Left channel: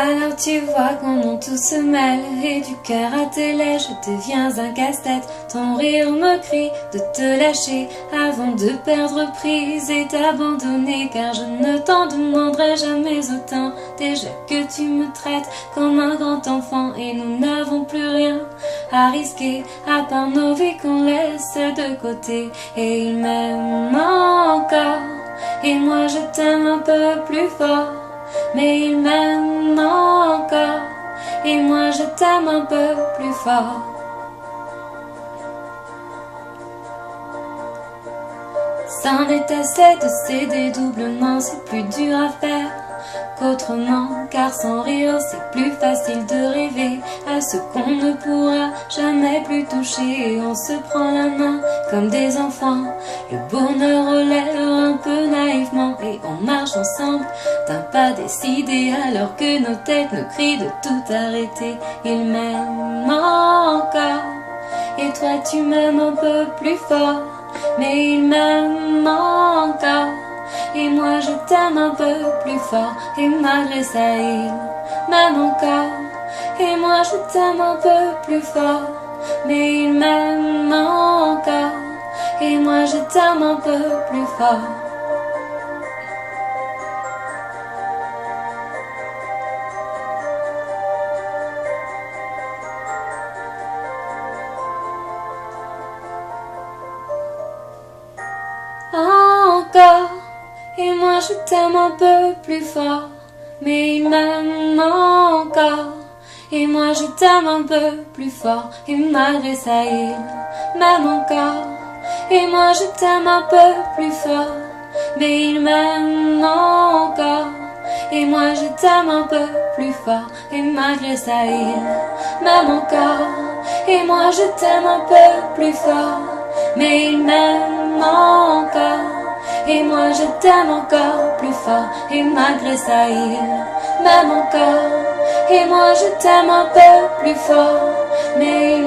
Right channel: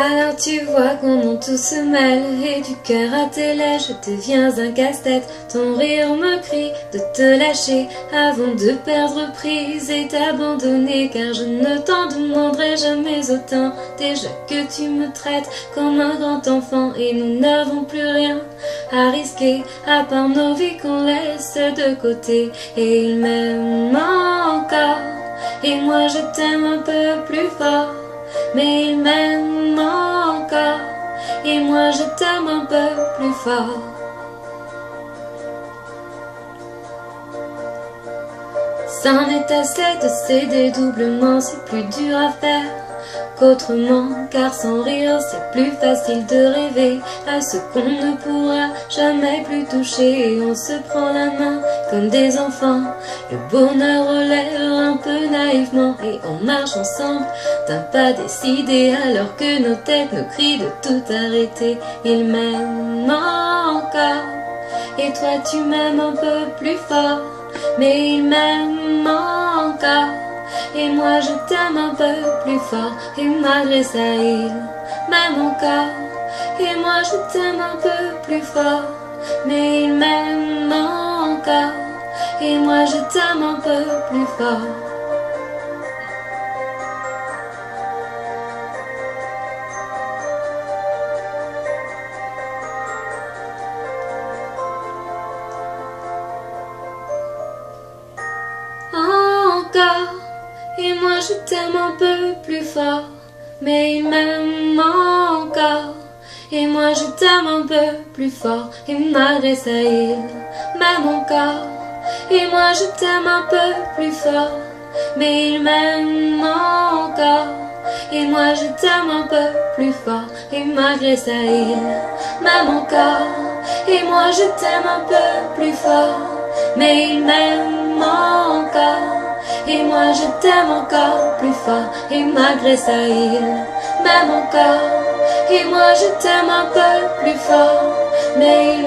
Alors tu vois comment tout se mêle et du cœur à tes lèvres je deviens un casse-tête. Ton rire me crie de te lâcher avant de perdre prise et t'abandonner, car je ne t'en demanderai jamais autant. Déjà que tu me traites comme un grand enfant et nous n'avons plus rien à risquer à part nos vies qu'on laisse de côté. Et il m'aime encore et moi je t'aime un peu plus fort. Mais il m'aime encore et moi je t'aime un peu plus fort. C'en est assez de céder doublement, c'est plus dur à faire qu'autrement, car sans rire c'est plus facile de rêver à ce qu'on ne pourra jamais plus toucher. Et on se prend la main comme des enfants, le bonheur relève un peu naïvement et on marche ensemble d'un pas décidé alors que nos têtes nous crient de tout arrêter. Il m'aime encore et toi tu m'aimes un peu plus fort, mais il m'aime encore et moi je t'aime un peu plus fort. Et malgré ça il m'aime encore et moi je t'aime un peu plus fort, mais il m'aime encore et moi je t'aime un peu plus fort. Encore et moi je t'aime un peu plus fort, mais il m'aime encore et moi je t'aime un peu plus fort. Et malgré ça il m'aime encore et moi je t'aime un peu plus fort, mais il m'aime encore et moi je t'aime un peu plus fort. Et malgré ça il m'aime encore et moi je t'aime un peu plus fort, mais il m'aime encore et moi je t'aime encore plus fort. Et malgré ça il m'aime encore et moi je t'aime un peu plus fort, mais